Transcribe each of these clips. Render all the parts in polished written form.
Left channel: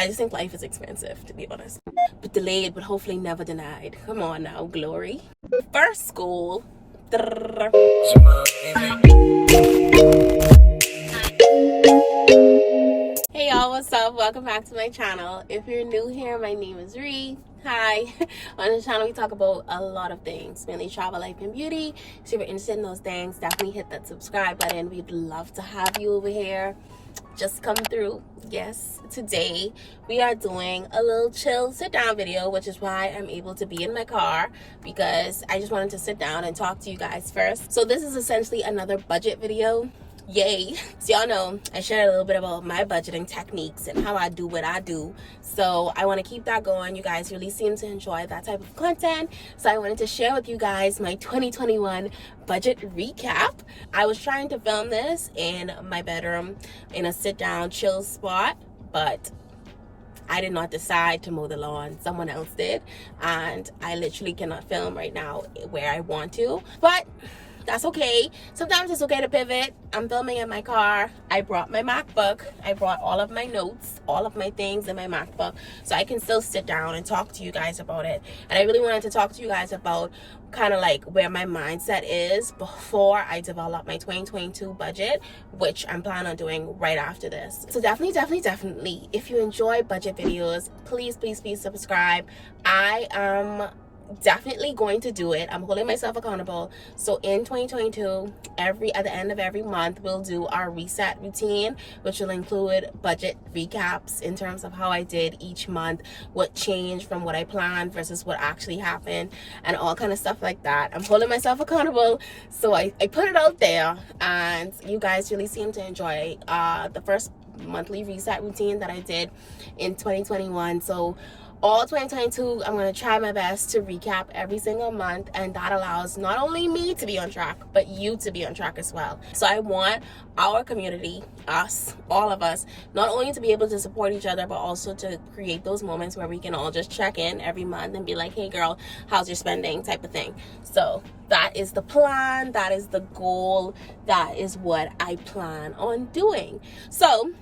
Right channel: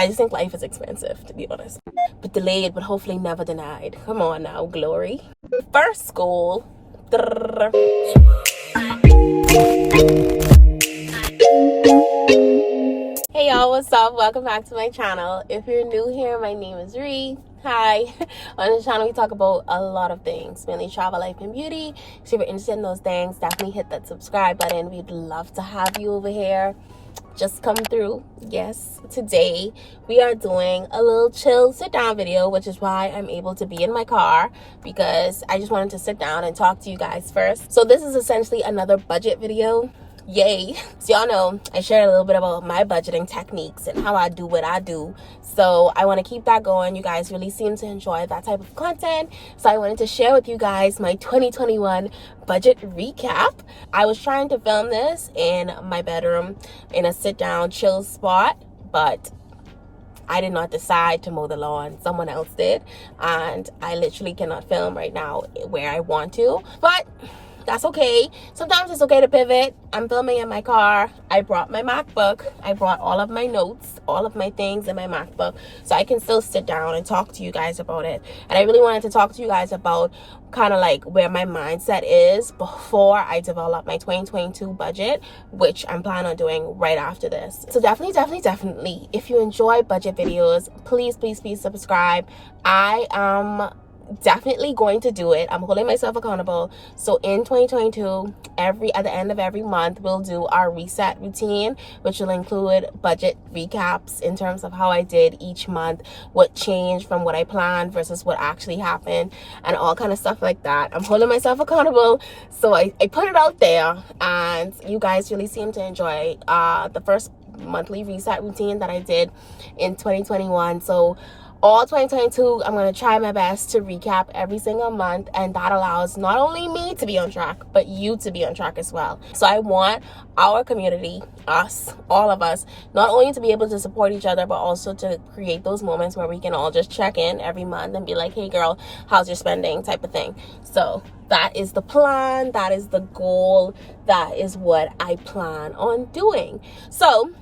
I just think life is expensive, to be honest. But delayed, but hopefully never denied. Come on now, glory. First goal. Hey y'all, what's up? Welcome back to my channel. If you're new here, my name is Ree. Hi. On this channel we talk about a lot of things, mainly travel, life, and beauty. So if you're interested in those things, definitely hit that subscribe button. We'd love to have you over here. Just come through. Yes, today we are doing a little chill sit down video, which is why I'm able to be in my car, because I just wanted to sit down and talk to you guys first. So this is essentially another budget video. Yay. So y'all know I share a little bit about my budgeting techniques and how I do what I do. So I want to keep that going. You guys really seem to enjoy that type of content. So I wanted to share with you guys my 2021 budget recap. I was trying to film this in my bedroom in a sit down chill spot, but I did not decide to mow the lawn. Someone else did. And I literally cannot film right now where I want to. But that's okay. Sometimes it's okay to pivot. I'm filming in my car. I brought my MacBook. I brought all of my notes, all of my things in my MacBook, so I can still sit down and talk to you guys about it. And I really wanted to talk to you guys about kind of like where my mindset is before I develop my 2022 budget, which I'm planning on doing right after this. So definitely, if you enjoy budget videos, please subscribe. I am definitely going to do it. I'm holding myself accountable. So in 2022, at the end of every month, we'll do our reset routine, which will include budget recaps in terms of how I did each month, what changed from what I planned versus what actually happened, and all kind of stuff like that. I'm holding myself accountable, so I put it out there, and you guys really seem to enjoy the first monthly reset routine that I did in 2021. So all 2022, I'm going to try my best to recap every single month, and that allows not only me to be on track, but you to be on track as well. So I want our community, us, all of us, not only to be able to support each other, but also to create those moments where we can all just check in every month and be like, hey girl, how's your spending, type of thing. So that is the plan, that is the goal, that is what I plan on doing. So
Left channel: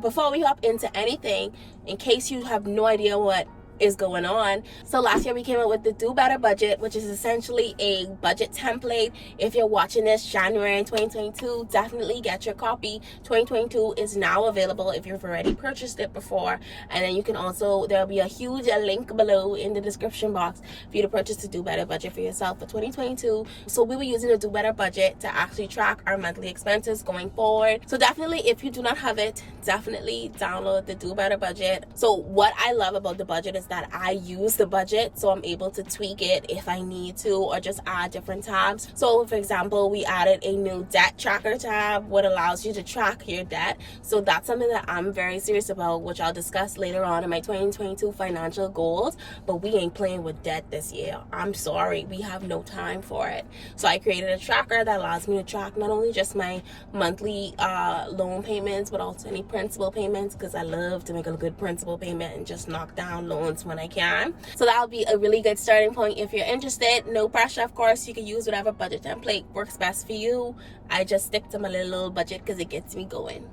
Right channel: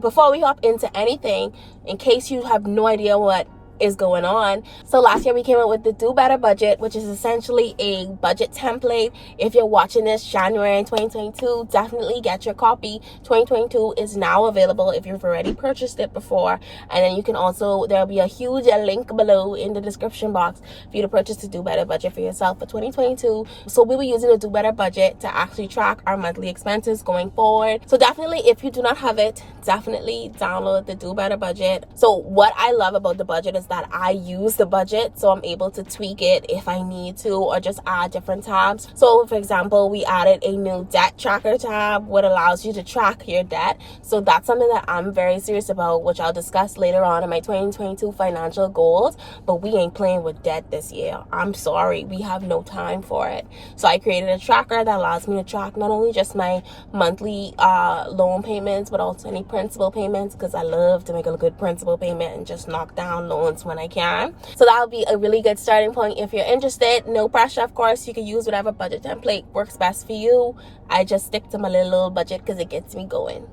before we hop into anything, in case you have no idea what is going on, so last year we came up with the Do Better budget, which is essentially a budget template. If you're watching this January 2022, definitely get your copy. 2022 is now available if you've already purchased it before, and then you can also, there'll be a huge link below in the description box for you to purchase the Do Better budget for yourself for 2022. So we'll be using the Do Better budget to actually track our monthly expenses going forward. So definitely, if you do not have it, definitely download the Do Better budget. So what I love about the budget is that I use the budget, so I'm able to tweak it if I need to, or just add different tabs. So for example, we added a new debt tracker tab, what allows you to track your debt. So that's something that I'm very serious about, which I'll discuss later on in my 2022 financial goals. But we ain't playing with debt this year. I'm sorry, we have no time for it. So I created a tracker that allows me to track not only just my monthly loan payments, but also any principal payments, because I love to make a good principal payment and just knock down loans when I can. So that'll be a really good starting point if you're interested. No pressure, of course. You can use whatever budget template works best for you. I just stick to my little budget because it gets me going.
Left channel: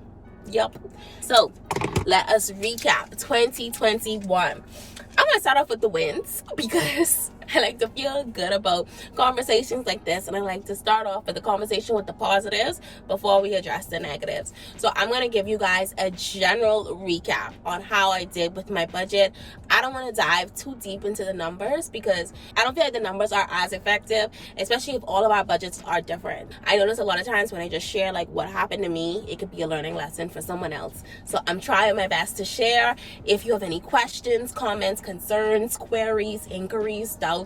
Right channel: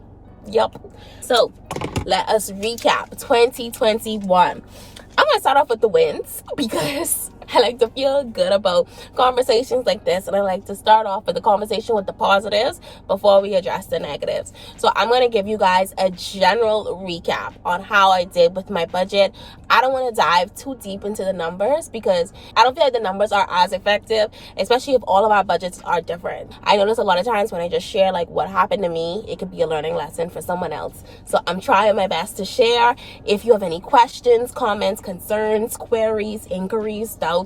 Yup. So let us recap 2021. I'm gonna start off with the wins, because I like to feel good about conversations like this, and I like to start off with the conversation with the positives before we address the negatives. So I'm going to give you guys a general recap on how I did with my budget. I don't want to dive too deep into the numbers, because I don't feel like the numbers are as effective, especially if all of our budgets are different. I notice a lot of times when I just share like what happened to me, it could be a learning lesson for someone else. So I'm trying my best to share. If you have any questions, comments, concerns, queries, inquiries, doubts,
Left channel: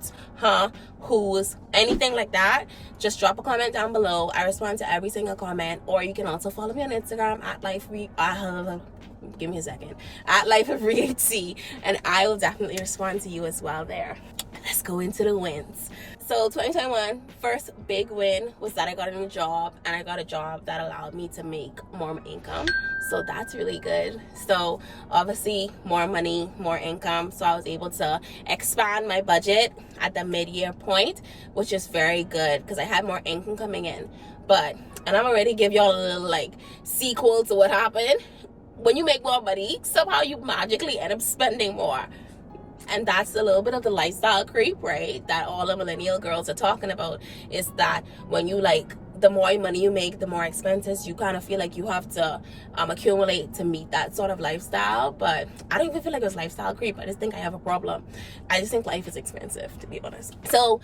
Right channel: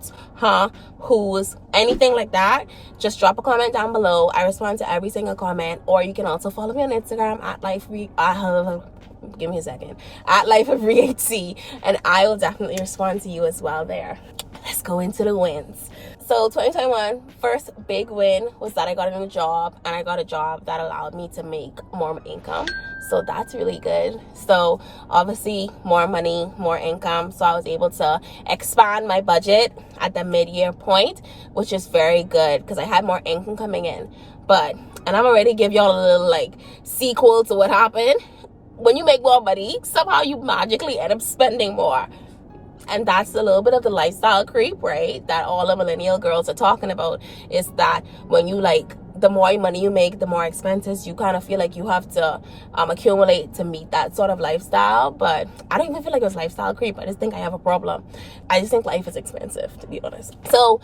who's, anything like that, just drop a comment down below. I respond to every single comment. Or you can also follow me on Instagram at give me a second, at LifeOfReHC, and I will definitely respond to you as well there. Let's go into the wins. So 2021, first big win was that I got a new job, and I got a job that allowed me to make more income. So that's really good. So obviously more money, more income. So I was able to expand my budget at the mid-year point, which is very good because I had more income coming in. And I'm already give y'all a little like sequel to what happened. when you make more money, somehow you magically end up spending more. And that's a little bit of the lifestyle creep, right? That all the millennial girls are talking about, is that when you like, the more money you make, the more expenses you kind of feel like you have to accumulate to meet that sort of lifestyle. But I don't even feel like it was lifestyle creep. I just think I have a problem. I just think life is expensive, to be honest. So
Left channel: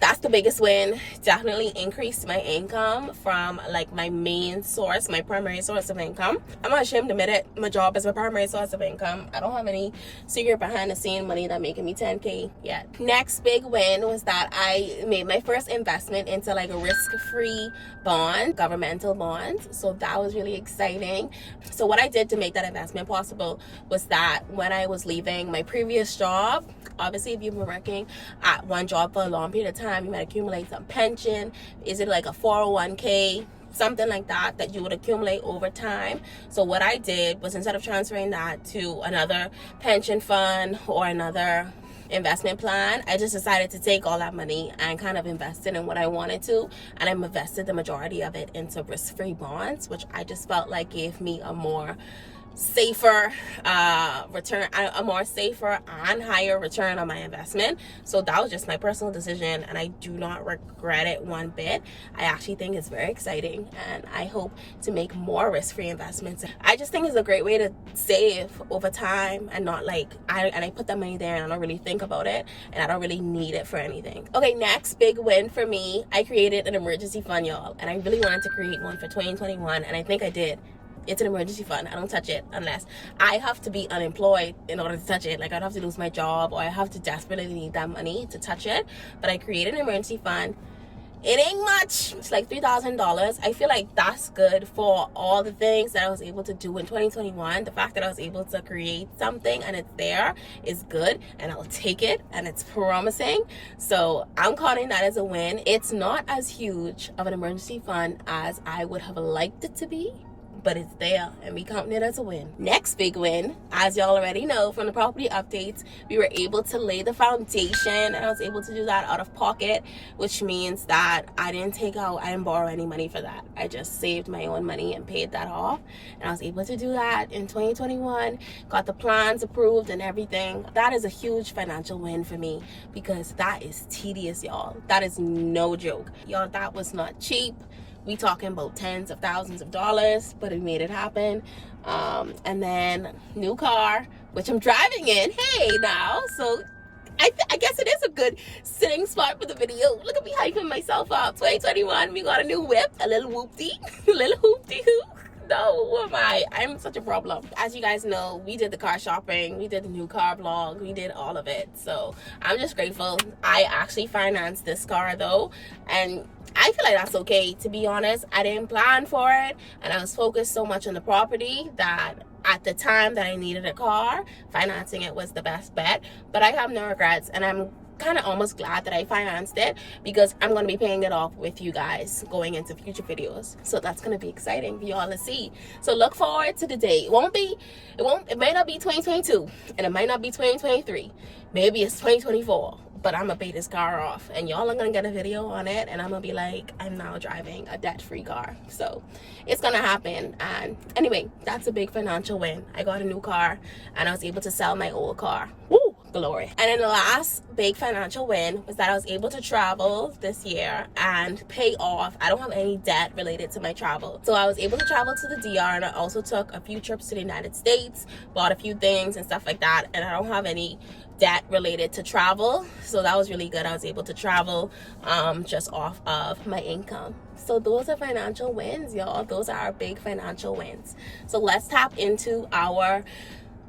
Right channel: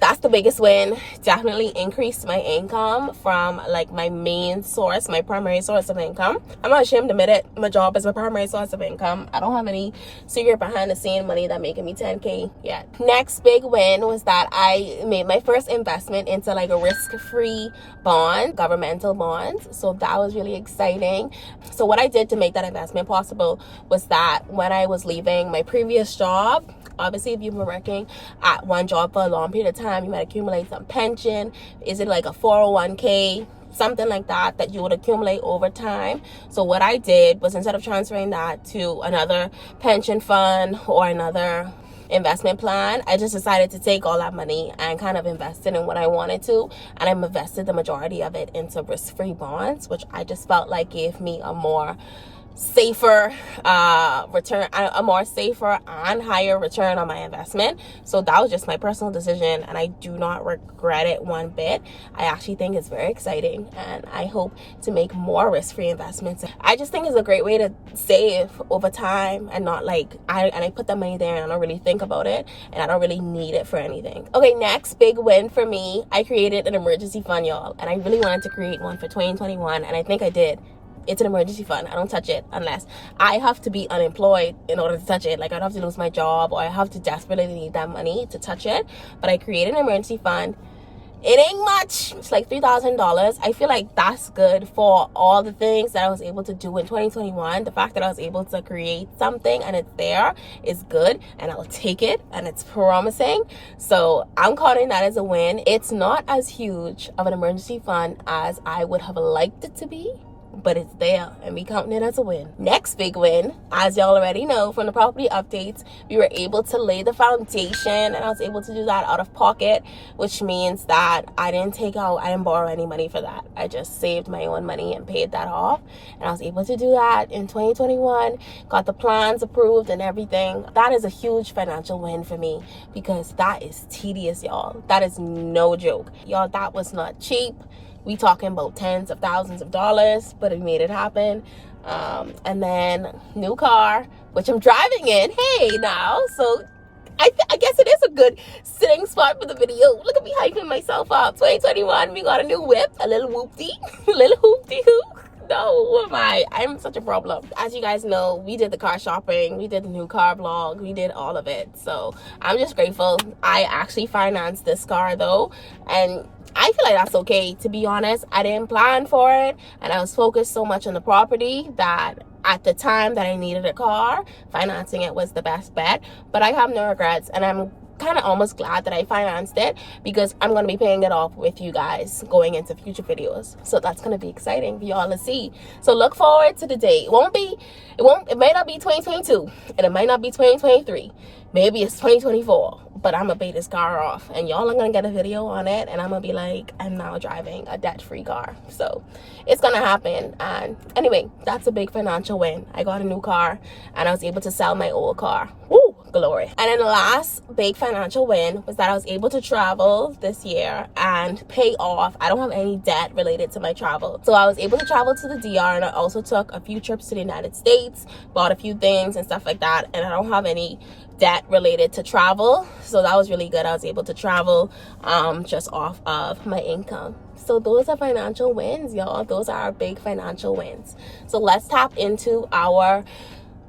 that's the biggest win. Definitely increased my income from like my main source, my primary source of income. I'm not ashamed to admit it. My job is my primary source of income. I don't have any secret behind the scene money that making me 10K yet. Next big win was that I made my first investment into like a risk-free bond, governmental bonds. So that was really exciting. So what I did to make that investment possible was that when I was leaving my previous job, obviously, if you've been working at one job for a long period of time, you might accumulate some pension. Is it like a 401k? Something like that that you would accumulate over time. So what I did was, instead of transferring that to another pension fund or another investment plan, I just decided to take all that money and kind of invest it in what I wanted to. And I invested the majority of it into risk-free bonds, which I just felt like gave me a more safer return, a more safer and higher return on my investment. So that was just my personal decision, and I do not regret it one bit. I actually think it's very exciting, and I hope to make more risk-free investments. I just think it's a great way to save over time, and not like I put that money there and I don't really think about it, and I don't really need it for anything. Okay, next big win for me, I created an emergency fund, y'all, and I really wanted to create one for 2021, and I think I did. It's an emergency fund. I don't touch it unless I have to be unemployed in order to touch it. Like, I'd have to lose my job, or I have to desperately need that money to touch it. But I created an emergency fund. It ain't much. It's like $3,000. I feel like that's good for all the things that I was able to do in 2021. The fact that I was able to create something and it's there is good, and I'll take it, and it's promising. So I'm calling that as a win. It's not as huge of an emergency fund as I would have liked it to be, but it's there, and we counting it as a win. Next big win, as y'all already know from the property updates, we were able to lay the foundation, and I was able to do that out of pocket, which means that I didn't borrow any money for that. I just saved my own money and paid that off, and I was able to do that in 2021, got the plans approved and everything. That is a huge financial win for me, because that is tedious, y'all. That is no joke. Y'all, that was not cheap. We talking about tens of thousands of dollars, but we made it happen. And then new car, which I'm driving in. Hey, now, so I guess it is a good sitting spot for the video. Look at me hyping myself up. 2021, we got a new whip, a little whoopty, a little hoopty hoop. No, who am I? I'm such a problem. As you guys know, we did the car shopping, we did the new car vlog, we did all of it. So I'm just grateful. I actually financed this car though, and I feel like that's okay, to be honest. I didn't plan for it, and I was focused so much on the property that at the time that I needed a car, financing it was the best bet. But I have no regrets, and I'm kind of almost glad that I financed it, because I'm going to be paying it off with you guys going into future videos. So that's going to be exciting for y'all to see. So look forward to the day. It may not be 2022, and it might not be 2023. Maybe it's 2024, but I'm gonna pay this car off, and y'all are gonna get a video on it, and I'm gonna be like, I'm now driving a debt-free car. So it's gonna happen. And anyway, that's a big financial win. I got a new car, and I was able to sell my old car. Woo, glory. And then the last big financial win was that I was able to travel this year and pay off. I don't have any debt related to my travel. So I was able to travel to the DR, and I also took a few trips to the United States, bought a few things and stuff like that, and I don't have any debt related to travel. So that was really good. I was able to travel just off of my income. So those are financial wins, y'all. Those are our big financial wins. So let's tap into our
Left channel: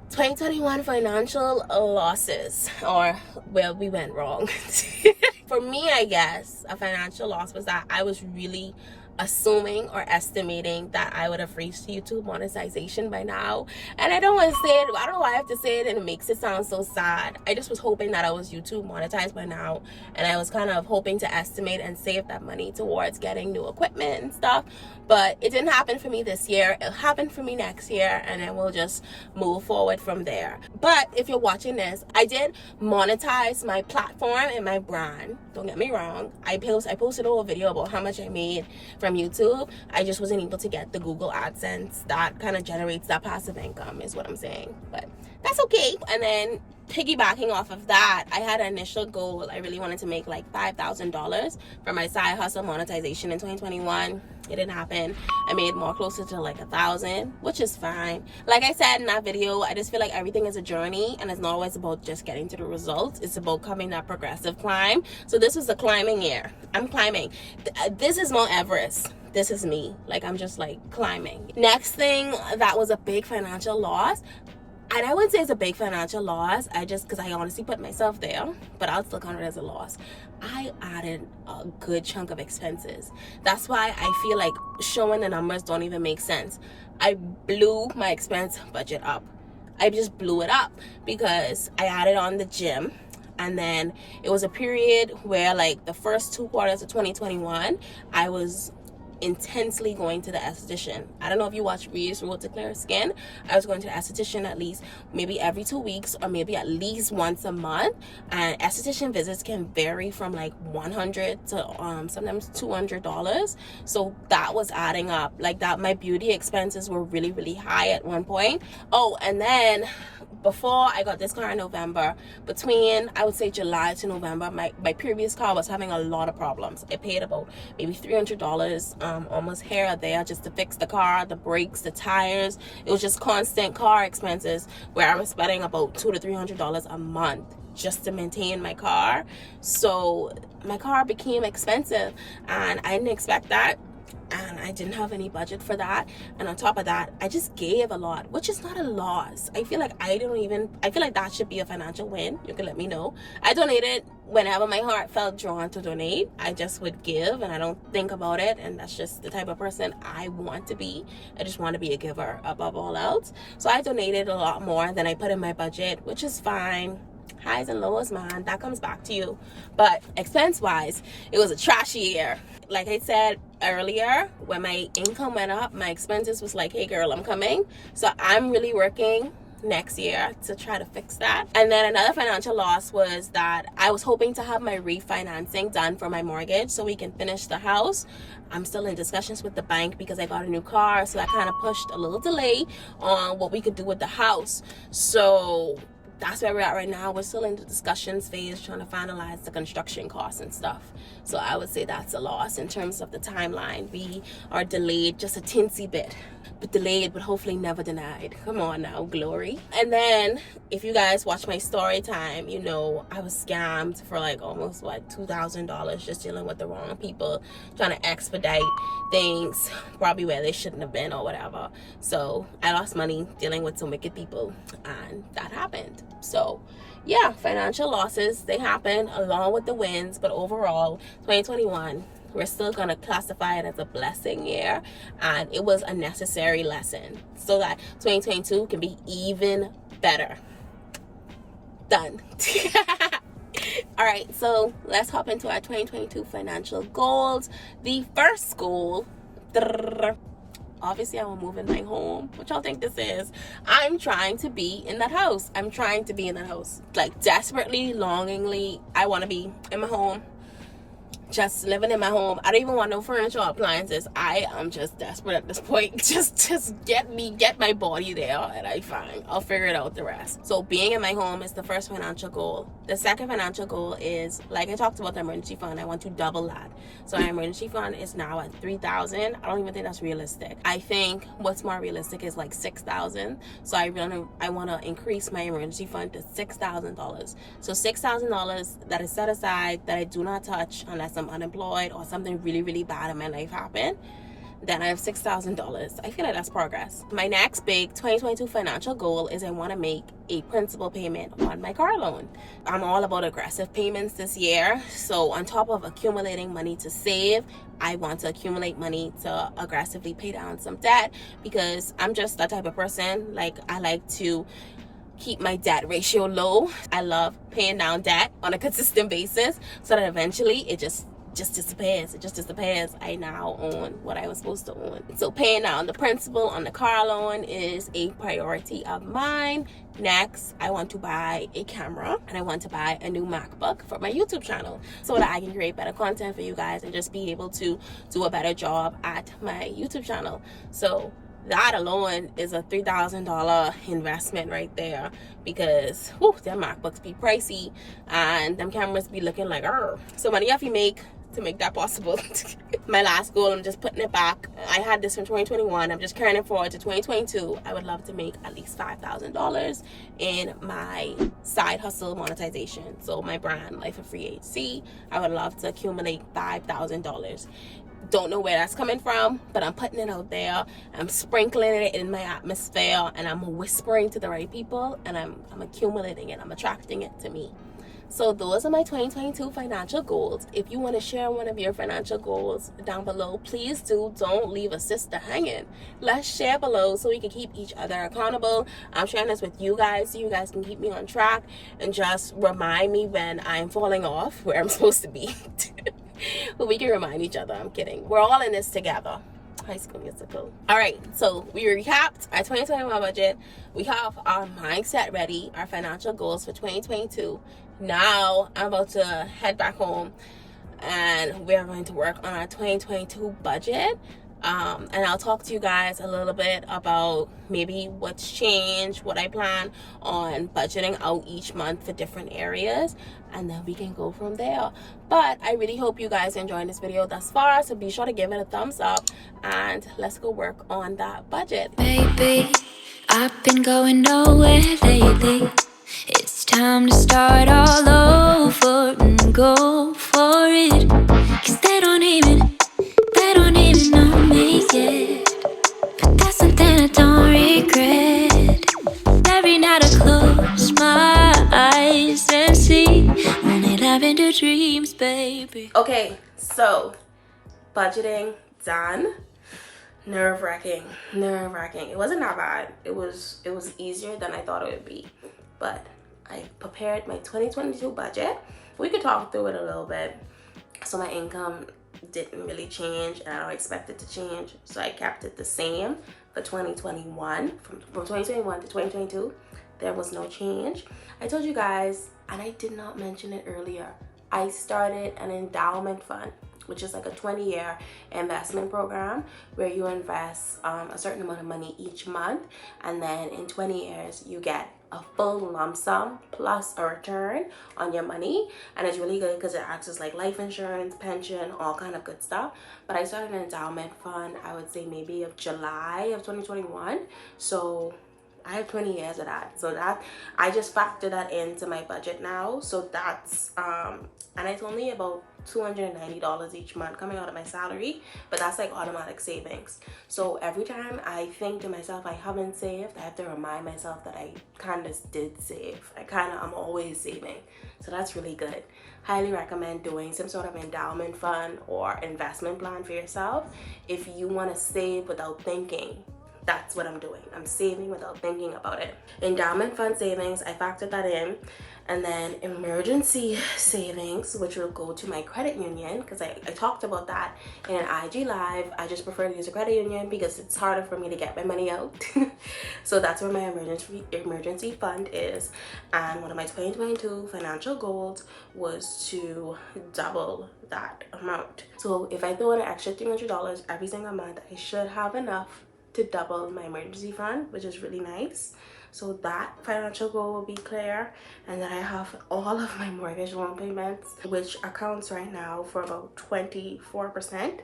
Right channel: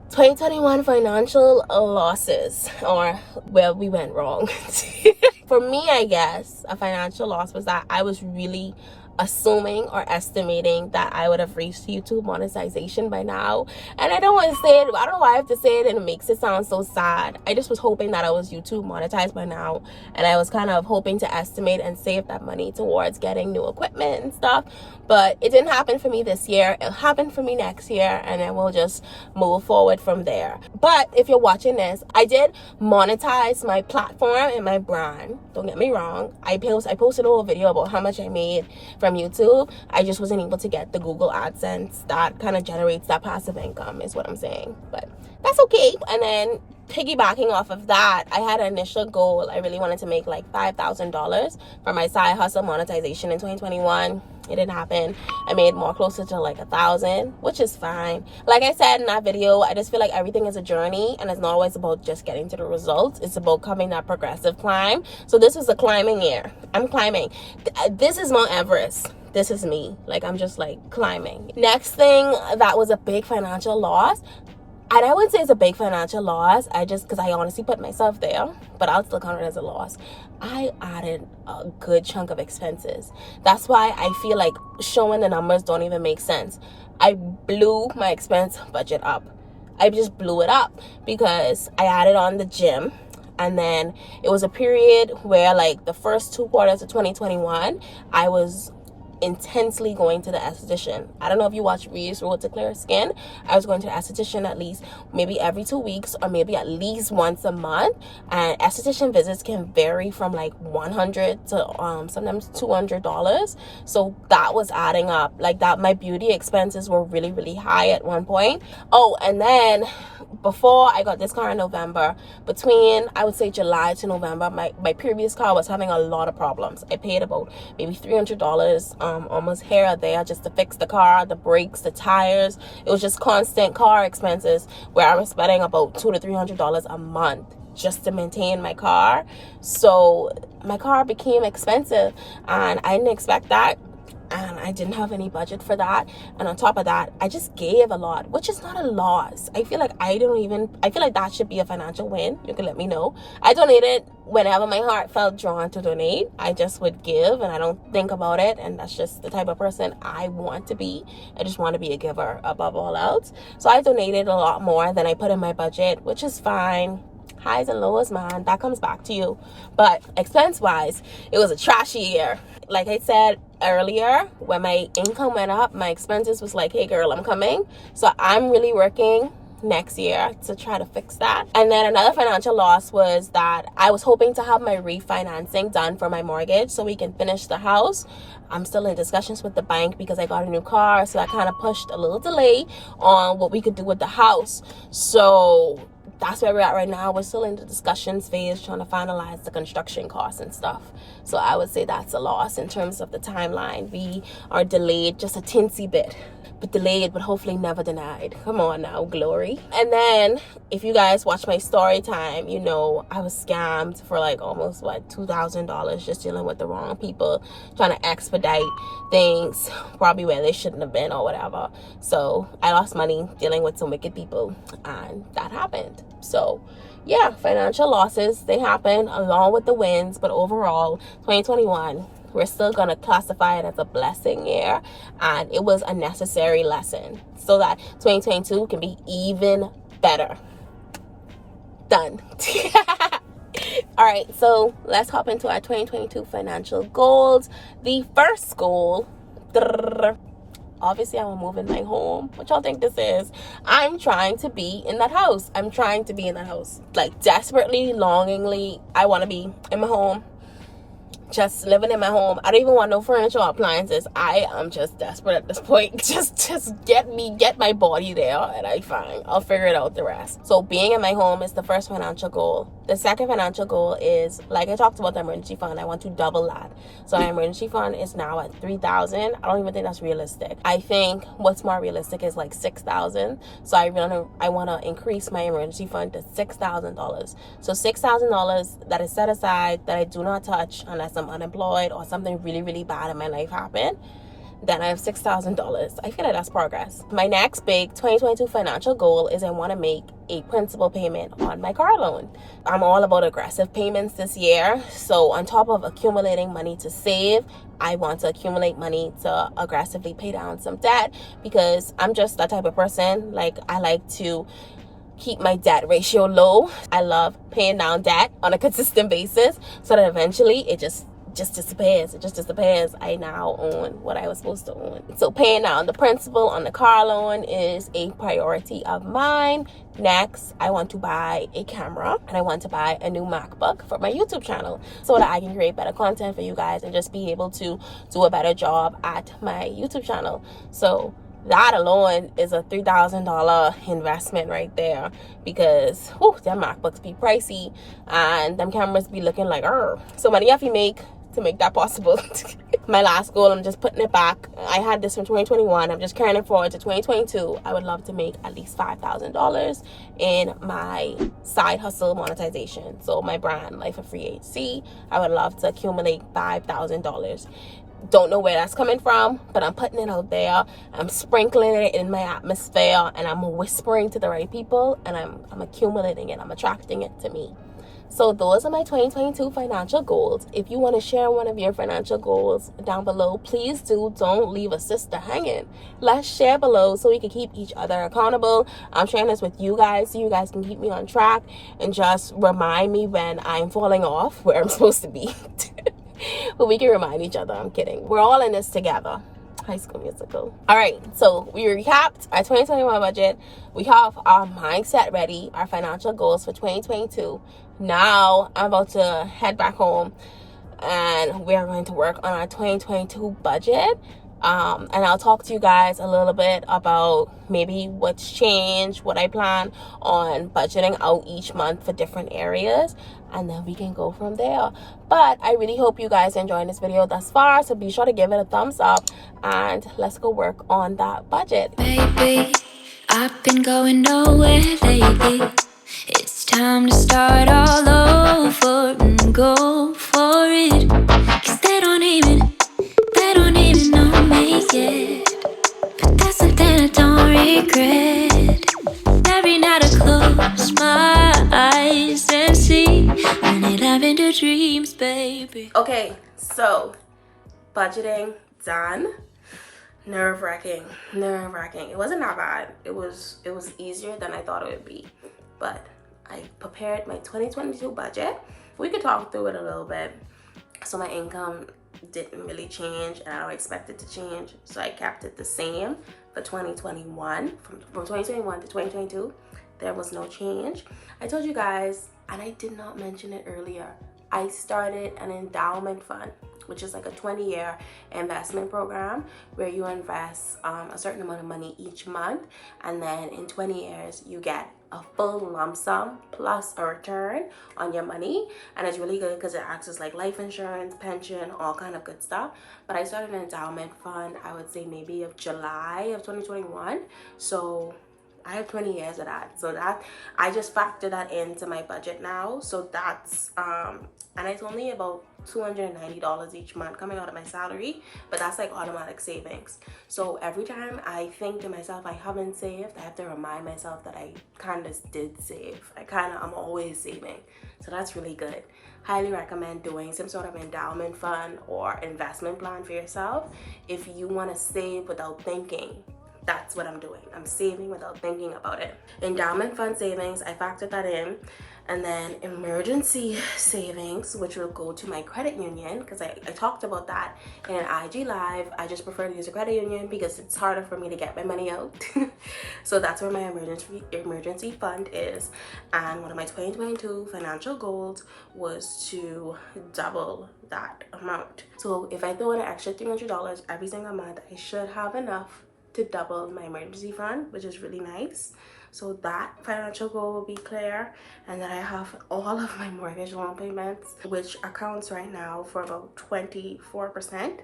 2021 financial losses, or where we went wrong. For me, I guess a financial loss was that I was really assuming or estimating that I would have reached YouTube monetization by now. And I don't want to say it, I don't know why I have to say it, and it makes it sound so sad. I just was hoping that I was YouTube monetized by now, and I was kind of hoping to estimate and save that money towards getting new equipment and stuff. But it didn't happen for me this year. It'll happen for me next year, and then we'll just move forward from there. But if you're watching this, I did monetize my platform and my brand. Don't get me wrong. I posted a little video about how much I made from YouTube. I just wasn't able to get the Google AdSense that kind of generates that passive income, is what I'm saying. But that's okay. And then piggybacking off of that, I had an initial goal. I really wanted to make like $5,000 for my side hustle monetization in 2021. It didn't happen. I made more closer to like 1,000, which is fine. Like I said in that video, I just feel like everything is a journey, and it's not always about just getting to the results. It's about coming that progressive climb. So this was a climbing year. I'm climbing. This is Mount Everest. This is me. Like, I'm just like climbing. Next thing that was a big financial loss, and I wouldn't say it's a big financial loss, because I honestly put myself there, but I'll still count it as a loss. I added a good chunk of expenses. That's why I feel like showing the numbers don't even make sense. I blew my expense budget up. I just blew it up because I added on the gym. And then it was a period where, like, the first 2 quarters of 2021, I was intensely going to the esthetician. I don't know if you watch Ree's Road to Clear Skin. I was going to the esthetician at least maybe every 2 weeks, or maybe at least once a month. And esthetician visits can vary from like $100 to sometimes $200. So that was adding up. Like that, my beauty expenses were really, really high at one point. Oh, and then before I got this car in November, between I would say July to November, my previous car was having a lot of problems. I paid about maybe $300 almost here or there just to fix the car, the brakes, the tires. It was just constant car expenses where I was spending about $200 to $300 a month just to maintain my car. So my car became expensive, and I didn't expect that. And I didn't have any budget for that. And on top of that, I just gave a lot, which is not a loss. I feel like I feel like that should be a financial win. You can let me know. I donated whenever my heart felt drawn to donate. I just would give, and I don't think about it. And that's just the type of person I want to be. I just want to be a giver above all else. So I donated a lot more than I put in my budget, which is fine. Highs and lows, man, that comes back to you. But expense wise, it was a trashy year. Like I said earlier, when my income went up, my expenses was like, hey girl, I'm coming. So I'm really working next year to try to fix that. And then another financial loss was that I was hoping to have my refinancing done for my mortgage so we can finish the house. I'm still in discussions with the bank because I got a new car, so that kind of pushed a little delay on what we could do with the house. So that's where we're at right now. We're still in the discussions phase, trying to finalize the construction costs and stuff. So I would say that's a loss in terms of the timeline. We are delayed just a teensy bit, but delayed, but hopefully never denied. Come on now, glory. And then if you guys watch my story time, you know I was scammed for like almost $2,000 just dealing with the wrong people, trying to expedite things probably where they shouldn't have been or whatever. So I lost money dealing with some wicked people, and that happened. So yeah, financial losses, they happen along with the wins, but overall 2021, we're still going to classify it as a blessing year, and it was a necessary lesson so that 2022 can be even better. Done. All right, so let's hop into our 2022 financial goals. The first goal, obviously I will move in my home. What y'all think this is? I'm trying to be in that house. Like desperately, longingly, I want to be in my home. Just living in my home. I don't even want no furniture or appliances. I am just desperate at this point. Just get my body there, and I'll figure it out the rest. So being in my home is the first financial goal. The second financial goal is, like I talked about the emergency fund, I want to double that. So our emergency fund is now at $3,000. I don't even think that's realistic. I think what's more realistic is like $6,000. So I want to increase my emergency fund to $6,000. So $6,000 that is set aside, that I do not touch unless I'm unemployed or something really, really bad in my life happened. Then I have $6,000. I feel like that's progress. My next big 2022 financial goal is I want to make a principal payment on my car loan. I'm all about aggressive payments this year. So on top of accumulating money to save, I want to accumulate money to aggressively pay down some debt, because I'm just that type of person. Like, I like to keep my debt ratio low. I love paying down debt on a consistent basis so that eventually it just just disappears. It just disappears. I now own what I was supposed to own. So paying down the principal on the car loan is a priority of mine. Next, I want to buy a camera and I want to buy a new MacBook for my YouTube channel so that I can create better content for you guys and just be able to do a better job at my YouTube channel. So that alone is a $3,000 investment right there, because them MacBooks be pricey and them cameras be looking like so money have you make to make that possible. My last goal, I'm just putting it back. I had this from 2021. I'm just carrying it forward to 2022. I would love to make at least $5,000 in my side hustle monetization. So my brand, Life of Free HC, I would love to accumulate $5,000. Don't know where that's coming from, but I'm putting it out there. I'm sprinkling it in my atmosphere, and I'm whispering to the right people, and I'm accumulating it. I'm attracting it to me. So those are my 2022 financial goals. If you want to share one of your financial goals down below, please do. Don't leave a sister hanging. Let's share below so we can keep each other accountable. I'm sharing this with you guys so you guys can keep me on track and just remind me when I'm falling off where I'm supposed to be. But we can remind each other. I'm kidding. We're all in this together. High School Musical. All right, so we recapped our 2021 budget. We have our mindset ready, our financial goals for 2022. Now I'm about to head back home and we're going to work on our 2022 budget. And I'll talk to you guys a little bit about maybe what's changed, what I plan on budgeting out each month for different areas, and then we can go from there. But I really hope you guys are enjoying this video thus far, so be sure to give it a thumbs up and let's go work on that budget. Baby, I've been going nowhere lately. It's time to start all over and go for it. 'Cause they don't even know me yet. But that's something I don't regret. Every night I close my eyes and see only lavender dreams, baby. Okay, so budgeting done. Nerve-wracking. It wasn't that bad. It was easier than I thought it would be. But I prepared my 2022 budget. We could talk through it a little bit. So my income didn't really change, and I don't expect it to change. So I kept it the same for 2021. From 2021 to 2022, there was no change. I told you guys, and I did not mention it earlier, I started an endowment fund, which is like a 20-year investment program where you invest a certain amount of money each month, and then in 20 years you get a full lump sum plus a return on your money. And it's really good because it acts as like life insurance, pension, all kind of good stuff. But I started an endowment fund, I would say maybe of July of 2021. So I have 20 years of that. So that I just factor that into my budget now. So that's and it's only about $290 each month coming out of my salary, but that's like automatic savings. So every time I think to myself I haven't saved, I have to remind myself that I kind of did save. I'm always saving. So that's really good. Highly recommend doing some sort of endowment fund or investment plan for yourself if you want to save without thinking. That's what I'm doing. I'm saving without thinking about it. Endowment fund savings, I factored that in. And then emergency savings, which will go to my credit union, because I talked about that in an IG live. I just prefer to use a credit union because it's harder for me to get my money out. So that's where my emergency fund is. And one of my 2022 financial goals was to double that amount. So if I throw in an extra $300 every single month, I should have enough to double my emergency fund, which is really nice. So that financial goal will be clear, and then I have all of my mortgage loan payments, which accounts right now for about 24%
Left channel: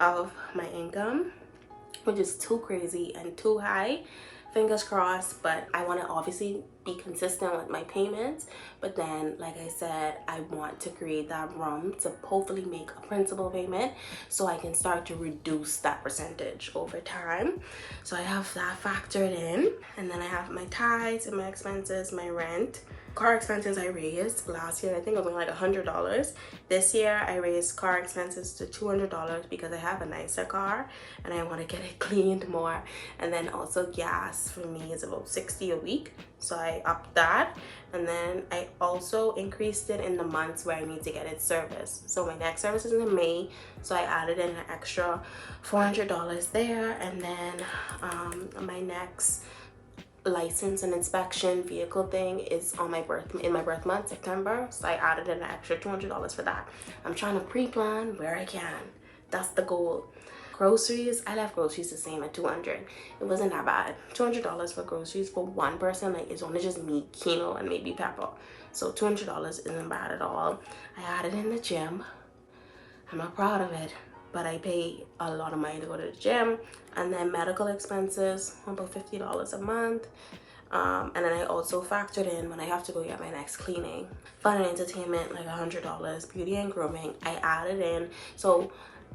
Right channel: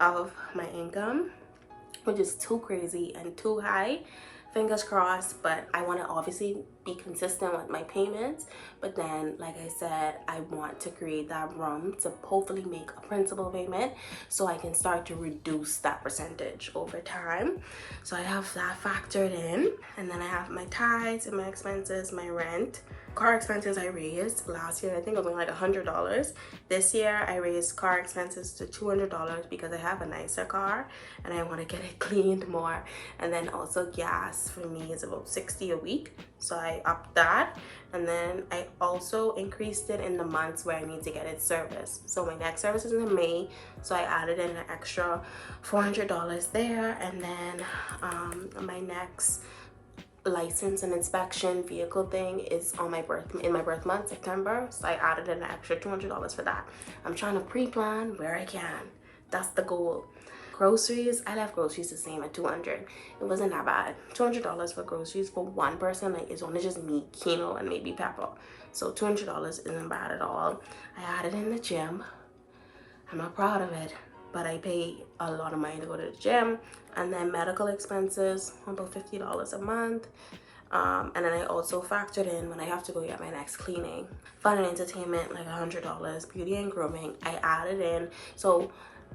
of my income, which is too crazy and too high. Fingers crossed, but I want to obviously be consistent with my payments. But then, like I said, I want to create that room to hopefully make a principal payment so I can start to reduce that percentage over time. So I have that factored in, and then I have my tithes and my expenses, my rent, car expenses I raised last year, I think it was only like $100. This year I raised car expenses to $200 because I have a nicer car and I want to get it cleaned more. And then also gas for me is about $60 a week, so I upped that. And then I also increased it in the months where I need to get it serviced. So my next service is in May, so I added in an extra $400 there. And then my next license and inspection vehicle thing is on my birth month, September, so I added an extra $200 for that. I'm trying to pre-plan where I can. That's the goal. Groceries, I left groceries the same at $200. It wasn't that bad. $200 for groceries for one person, like it's only just me, Kino, and maybe Pepper, so $200 isn't bad at all. I added in the gym. I'm not proud of it, but I pay a lot of money to go to the gym. And then medical expenses, about $50 a month. And then I also factored in when I have to go get my next cleaning. Fun and entertainment, like $100. Beauty and grooming, I added in. So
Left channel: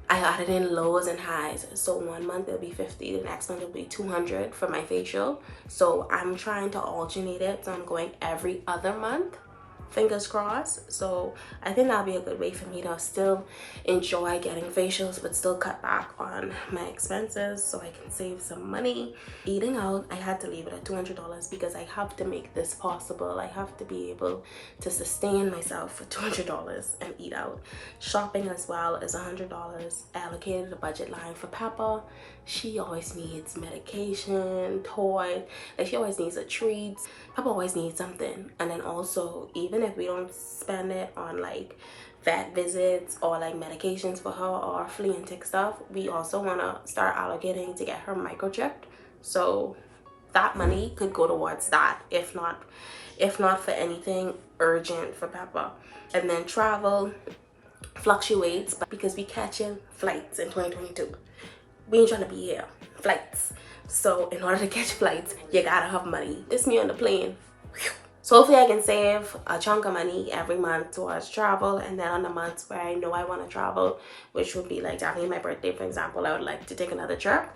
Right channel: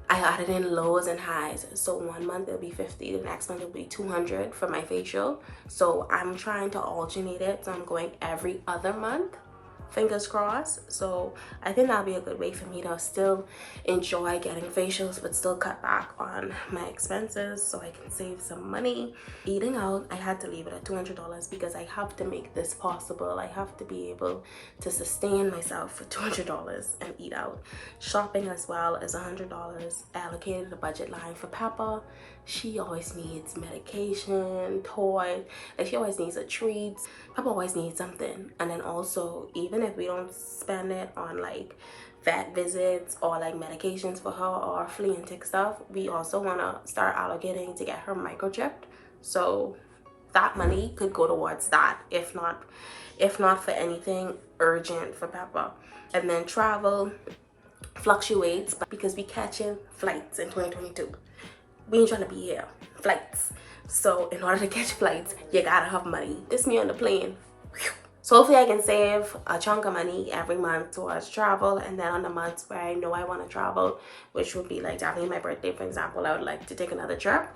I added in lows and highs. So one month it'll be $50, the next month it'll be $200 for my facial. So I'm trying to alternate it, so I'm going every other month. Fingers crossed. So I think that'll be a good way for me to still enjoy getting facials but still cut back on my expenses so I can save some money. Eating out, I had to leave it at $200 because I have to make this possible. I have to be able to sustain myself for $200 and eat out. Shopping as well is $100. I allocated a budget line for Peppa. She always needs medication, toy, like she always needs a treat. Peppa always needs something. And then also, even if we don't spend it on like vet visits or like medications for her or flea and tick stuff, we also want to start allocating to get her microchipped. So that money could go towards that, if not for anything urgent for Peppa. And then travel fluctuates because we catching flights in 2022. We ain't trying to be here. Flights. So in order to catch flights, you gotta have money. This me on the plane. Whew. So hopefully I can save a chunk of money every month towards travel. And then on the months where I know I want to travel, which would be like definitely my birthday, for example, I would like to take another trip.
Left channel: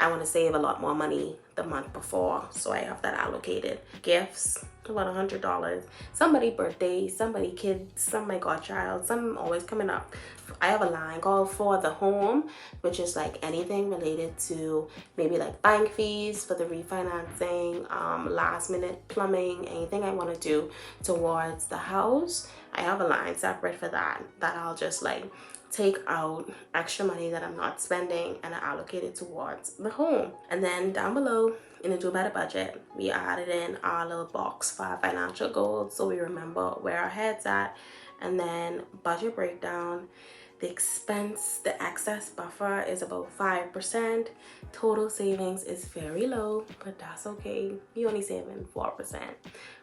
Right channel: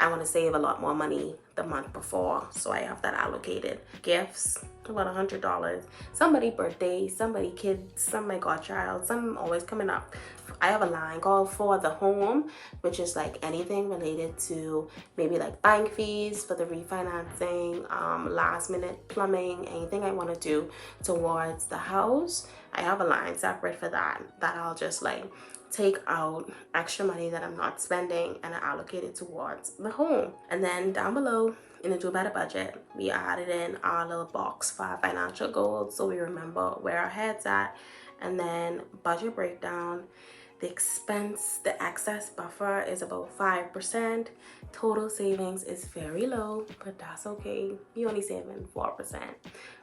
I want to save a lot more money the month before, so I have that allocated. Gifts, about $100. Somebody birthday, somebody kids, some my godchild, some always coming up. I have a line called For the Home, which is like anything related to maybe like bank fees for the refinancing, last minute plumbing, anything I want to do towards the house. I have a line separate for that I'll just like take out extra money that I'm not spending and I allocate it towards the home. And then down below in the Do Better budget, we added in our little box for our financial goals so we remember where our head's at. And then budget breakdown, the expense, the excess buffer is about 5%. Total savings is very low, but that's okay. We only saving 4%.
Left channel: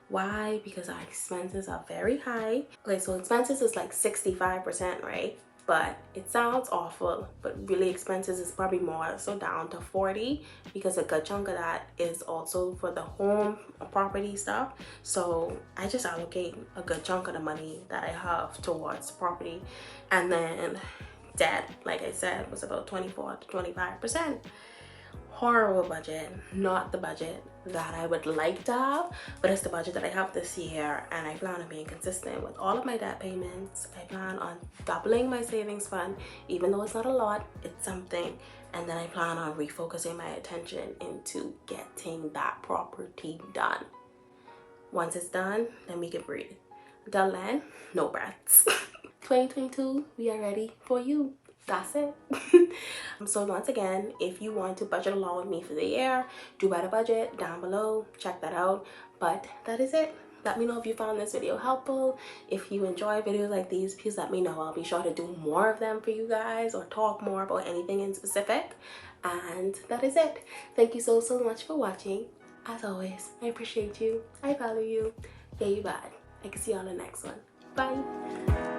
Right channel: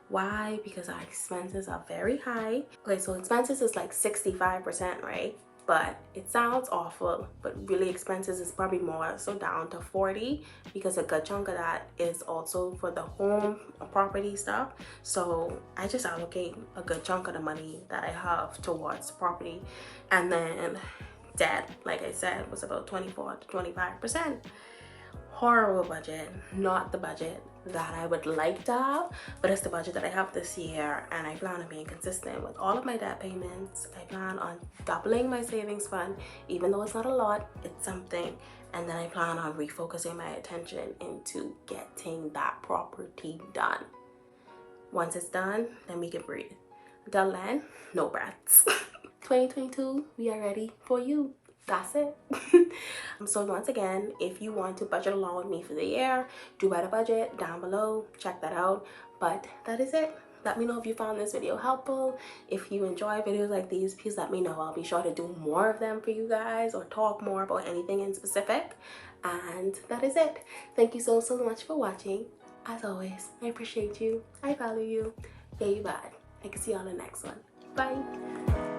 Why? Because our expenses are very high. Okay, so expenses is like 65%, right? But it sounds awful, but really expenses is probably more, so down to 40, because a good chunk of that is also for the home property stuff. So I just allocate a good chunk of the money that I have towards property. And then debt, like I said, was about 24 to 25%. Horrible budget, not the budget that I would like to have, but it's the budget that I have this year, and I plan on being consistent with all of my debt payments. I plan on doubling my savings fund, even though it's not a lot, it's something. And then I plan on refocusing my attention into getting that property done. Once it's done, then we can breathe. Until then, no breaths. 2022, we are ready for you. That's it. So once again, if you want to budget along with me for the year, Do Better budget down below, check that out. But that is it. Let me know if you found this video helpful. If you enjoy videos like these, please let me know. I'll be sure to do more of them for you guys or talk more about anything in specific. And that is it. Thank you so much for watching. As always, I appreciate you. I value you. Yeah, you bad. I can see y'all in the next one. Bye.